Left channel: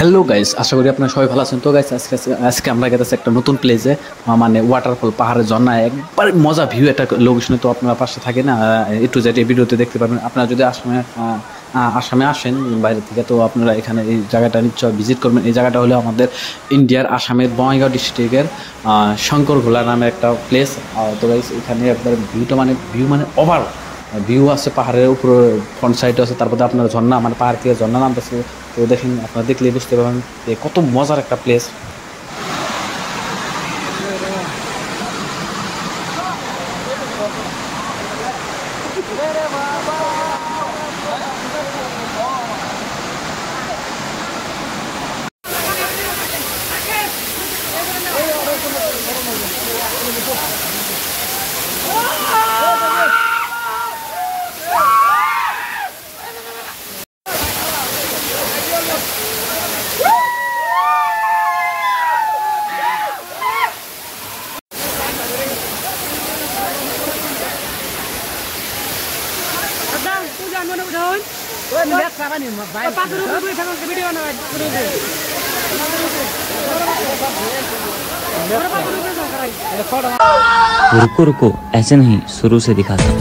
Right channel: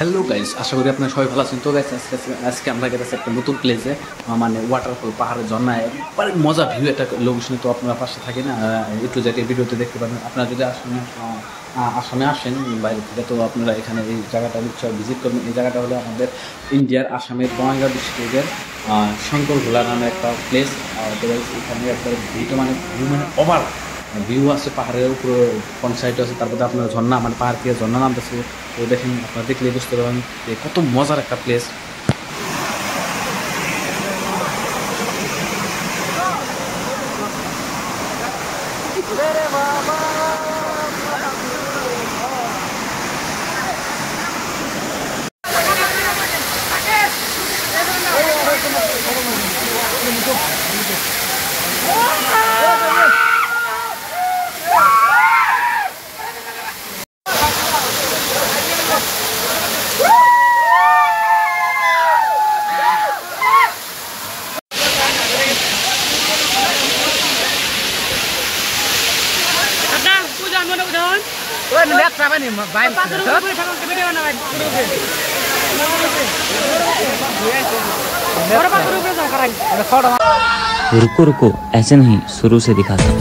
Hello guys, আশা করি আপনারা সবাই ভালো আছেন। তো গাইস আজকে আমরা গেছি একটা নতুন প্লেসে, মানে ওয়াটারফল, পাহাড়ের ঝর্ণা, একবার মজা ভিউ একটা লোকেশনে। তো আপনারা পাশে থাকেন, একটু যেটা ভিডিওতে দেখতে পাবেন। আপনারা যদি আসামে আসেন বাইরে থেকে, তো আপনারা এখানে এই জায়গাটা নিশ্চয় ভিজিট করবেন। এই জায়গাটা হলো আমাদের ইন্ডিয়ার আসামের বঙ্গাইগাঁও ডিস্ট্রিক্টের শঙ্করঘোলা নামে একটা প্লেস। তো গাইস এখানে একবার ভিউ মানে ওভার ভিউ আছে, পাহাড়ের উপরে ফ্রন্ট সাইডে আছে, তারপরে আপনার ঝর্ণা, মানে পাহাড় থেকে ঝর্ণা নামতেছে। তো দেখেন, আপনারা দেখলে বুঝতে পারবেন যে কত মজার একটা প্লেস। रुको रुको, ऐसे नहीं, शुरू से दिखाता हूँ।